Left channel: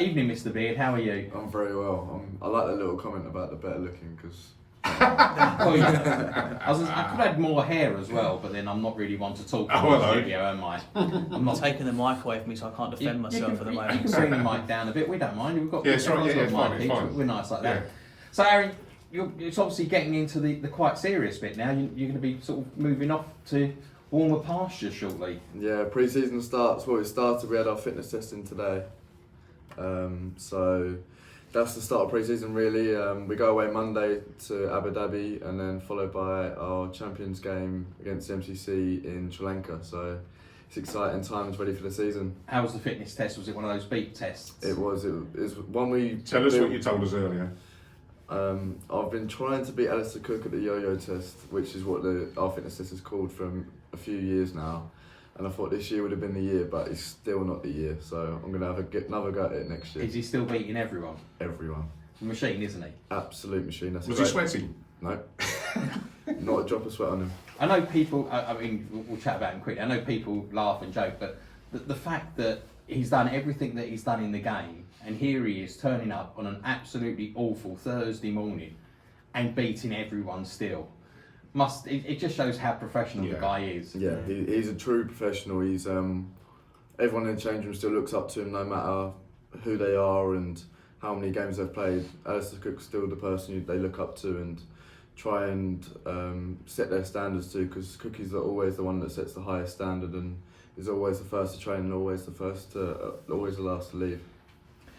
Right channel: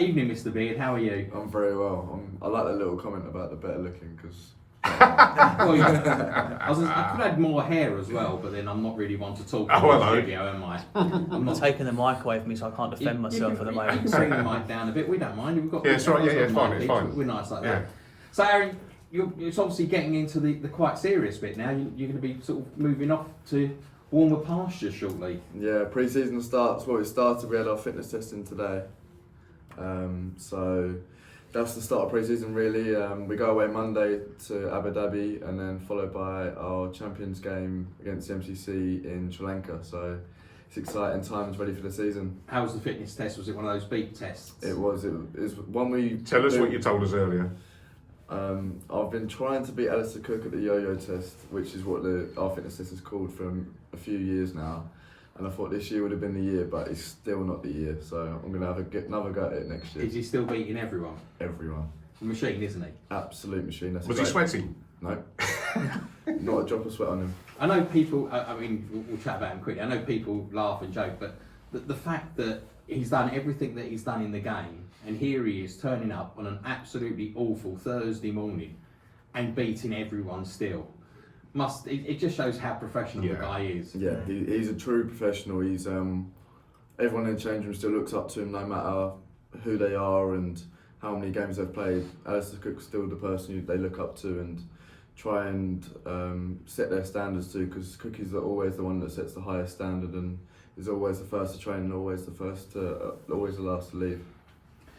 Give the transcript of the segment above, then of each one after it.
Evening, Mr. Beard. How are you? I'm very well. I like the little comment about the better looking because. Well, I could add more hair as well, but then I'm not really one to talk in the studio, am I? I'm not taking the mic away from me, so I can't defend myself at the moment. You can bring the mic down a bit. We don't mind. We've got it's right. Yeah, it's fine. We're nice like that. So, Aaron, it's obviously getting into the quite serious bit now. You're going to be sort of moving off to warmer pastures shortly. Yeah, pre-season starts. Well, it started. We had our fitness testing today, so that's the start of pre-season really. We go away Monday to Abu Dhabi and then followed by our Champions game against the MCC in Sri Lanka. So it's exciting times, ready for the season. How was the fitness test? Was it one of those beep tests? It was one we. Tell us what you told us earlier. I've been trying to beat Alistair Cook at the yo-yo test, which is what our fitness test is called, for a few years now. And I thought this year would have been the year, but it's still not the year. So I'm going to have another go at it next year. Is he still beating everyone? Everyone. Machine, isn't he? Absolute machine. Was he sweaty? No. Not a drop of sweat on him. I know people, I mean, we'll chat about him quickly. I know people laugh and joke, but the fact that he's done everything that he's done in the game, and here he is turning up on an absolutely awful Thursday morning and beating everyone still. It just shows how professional the guy is. Yeah, he's a true professional. He's everyone in the change room still looks up to him no matter who they are and how many games they've played. Alistair Cook's still the person they look up to and try and set their standards to, because Cookie's always the one that sets the highest standard and is always the first to train and always the last to leave.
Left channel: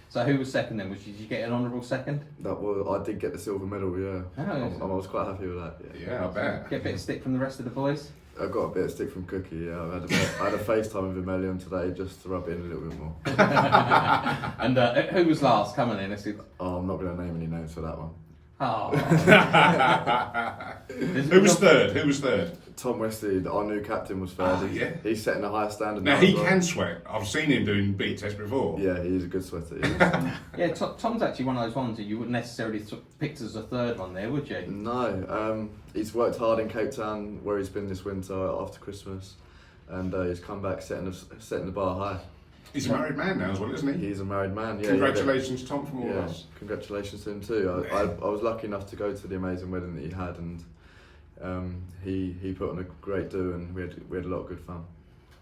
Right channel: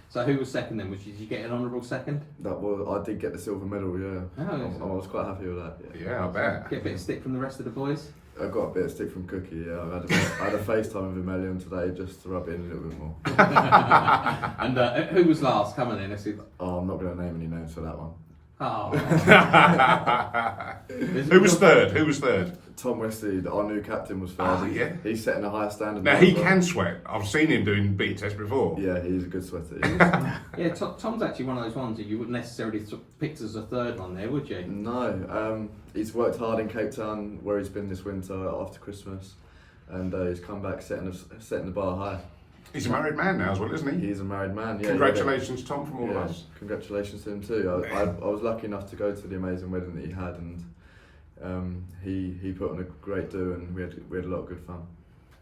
So who was second then? Did you get an honourable second? I did get the silver medal, yeah. Oh, I was quite happy with that. Yeah, I bet. Get a bit of stick from the rest of the boys? I got a bit of stick from Cookie, yeah. I had a FaceTime with him earlier on today just to rub it in a little bit more. And who was last? Come on in, let's see. Oh, I'm not going to name any names for that one. Oh. Who was third? Tom Wesley, our new captain, was third. He's setting a higher standard now. He can sweat. I've seen him doing beat tests before. Yeah, he's a good sweater. Yeah, Tom's actually one of those ones that you wouldn't necessarily pick as a third one there, would you? No, he's worked hard in Cape Town where he's been this winter after Christmas, and he's come back setting the bar high. He's a married man now as well, isn't he? He's a married man, yeah. Congratulations, Tom, from all of us. Congratulations to him too. I was lucky enough to go to the amazing wedding that he had, and he put on a great do, and we had a lot of good fun.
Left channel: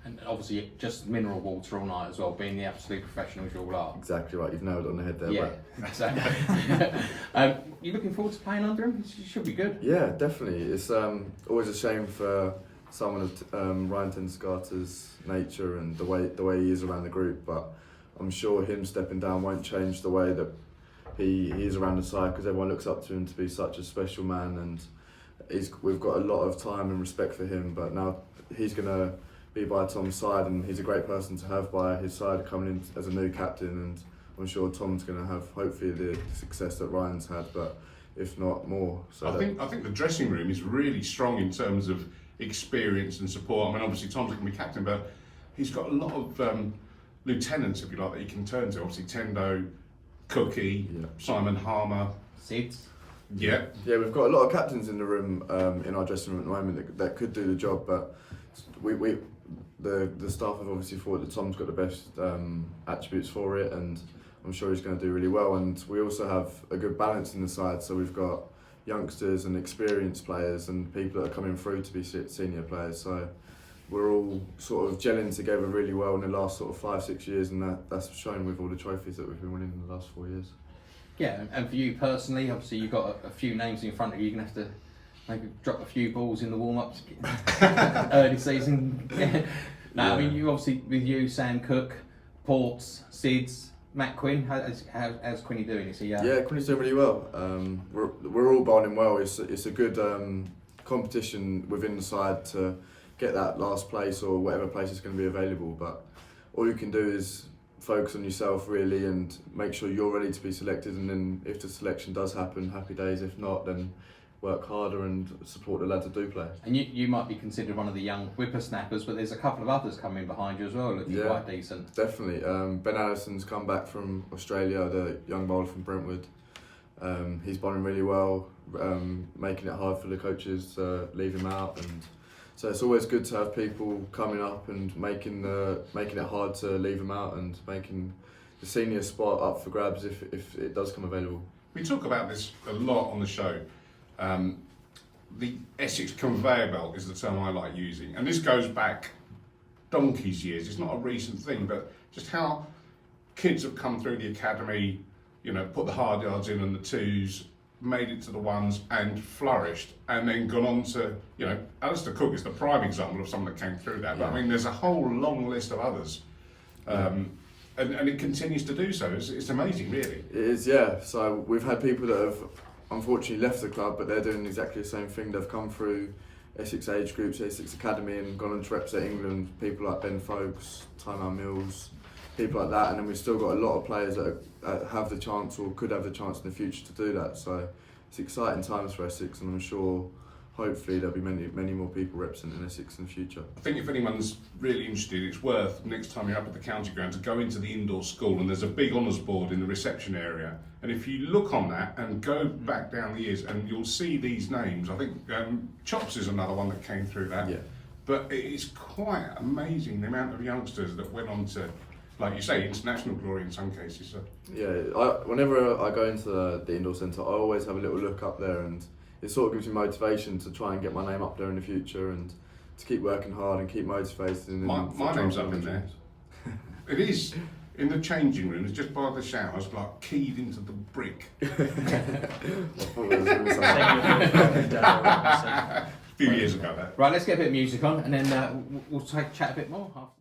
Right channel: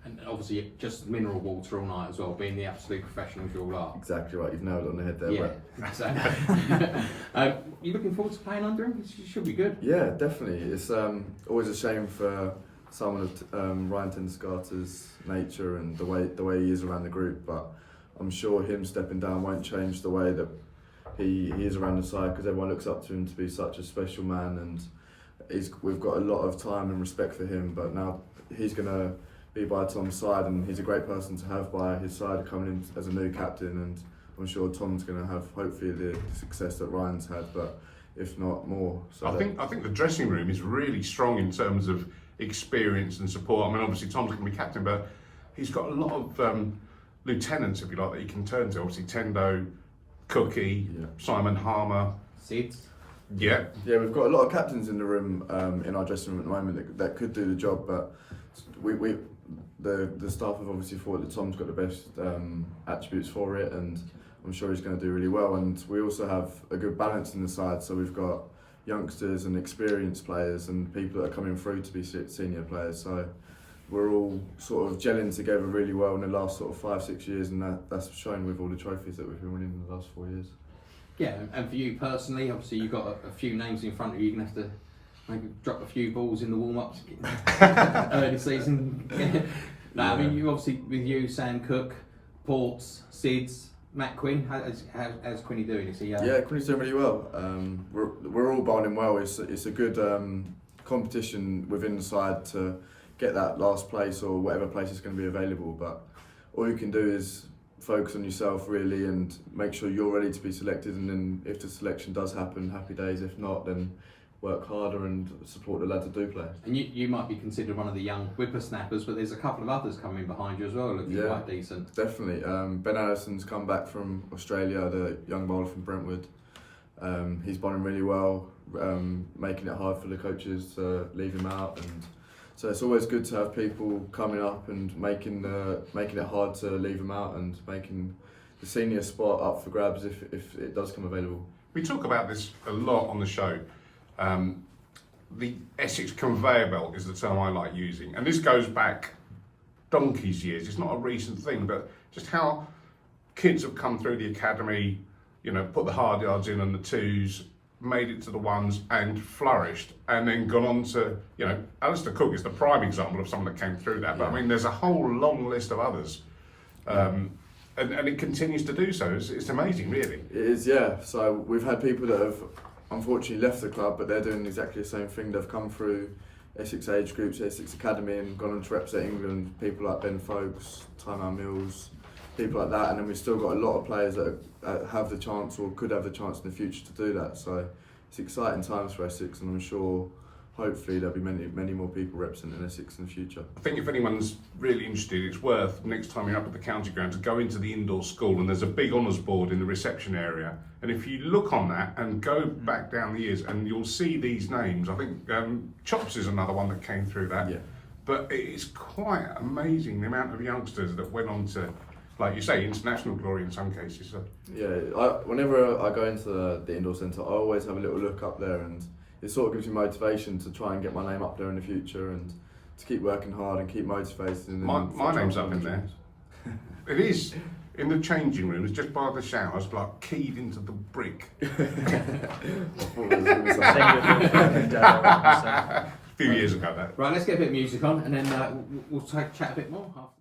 And obviously just mineral water all night as well, being the absolute professionals you all are. Exactly right, you've nailed it on the head there, yeah, Brett. Exactly. You looking forward to playing under him? It should be good. Yeah, definitely. It's always a shame for someone of Ryan Tendescarter's nature and the way he is around the group, but I'm sure him stepping down won't change the way that he is around the side, because everyone looks up to him to be such a special man, and we've got a lot of time and respect for him. But now he's going to be by Tom's side, and he's a great person to have by his side coming in as a new captain, and I'm sure Tom's going to have hopefully the success that Ryan's had, but if not more. So I think the dressing room is really strong in terms of experience and support. I mean, obviously Tom's going to be captain, but he's got a lot of lieutenants, if you like, that he can turn to. Obviously Tendo, Cookie, Simon Harmer, Sids. Yeah, we've got a lot of captains in the room in our dressing room at the moment that could do the job, but the staff have obviously thought that Tom's got the best attributes for it, and I'm sure he's going to do really well. And we also have a good balance in the side, so we've got youngsters and experienced players and people that are coming through to be senior players. So we're all sort of gelling together really well in the last sort of 5-6 years, and that's shown with all the trophies that we've been winning in the last 4 years. Yeah, and for you personally, obviously you've got a few names in front of you. You're going to have to maybe drop a few balls in the warm-ups early season. I mean, you obviously, with you, Sam Cook, Ports, Sids, Matt Quinn, how's Quinny doing? Is he? Yeah, Quinny's doing really well. We're all bowling well. It's a good competition within the side to get that last place or whatever place is going to be available. But all you can do is focus on yourself really and make sure you're ready to be selected. And then if the selection does happen, happy days. If not, then work harder and support the lads that do play. And you might be considered one of the young whippersnappers, but there's a couple of others coming behind you as well, looking quite decent. Definitely. Ben Allison's come back from Australia, the young bowler from Brentwood. He's bowling really well, making it hard for the coaches to leave him out, and so it's always good to have people coming up and making it hard to leave him out and making the senior spot up for grabs if it does come available. We talk about this a lot on the show. The Essex conveyor belt is the term I like using, and this goes back donkey's years. It's not a recent thing, but just how kids have come through the academy, you know, put the hard yards in and the twos, made it to the ones and flourished, and then gone on to, you know, Alistair Cook is the prime example of someone that came through that. But I mean, there's a whole long list of others. And it continues to do so. It's amazing, really. It is, yeah. So we've had people that have unfortunately left the club, but they're doing exactly the same thing. They've come through Essex age groups, Essex Academy, and gone on to represent England. People like Ben Folkes, Tymar Mills, people like that. And then we've still got a lot of players that have the chance or could have the chance in the future to do that. So it's exciting times for Essex, and I'm sure hopefully there'll be many more people representing Essex in the future. I think if anyone's really interested, it's worth, next time you're up at the county ground, to go into the indoor school, and there's a big honours board in the reception area, and if you look on that and go back down the years, and you'll see these names. I think Chops is another one that came through that. Yeah. But it's quite amazing the amount of youngsters that went on to, like you say, international glory in some cases. So. Yeah, whenever I go into the indoor centre, I always have a little look up there, and it sort of gives me motivation to try and get my name up there in the future and to keep working hard and keep motivated. And my name's up in there. It is. In the changing room, it's just by the showers, like keyed into the brick. I thought there was going to be something. A few years ago, that. Right, let's get a bit of music on, and then we'll chat a bit more after.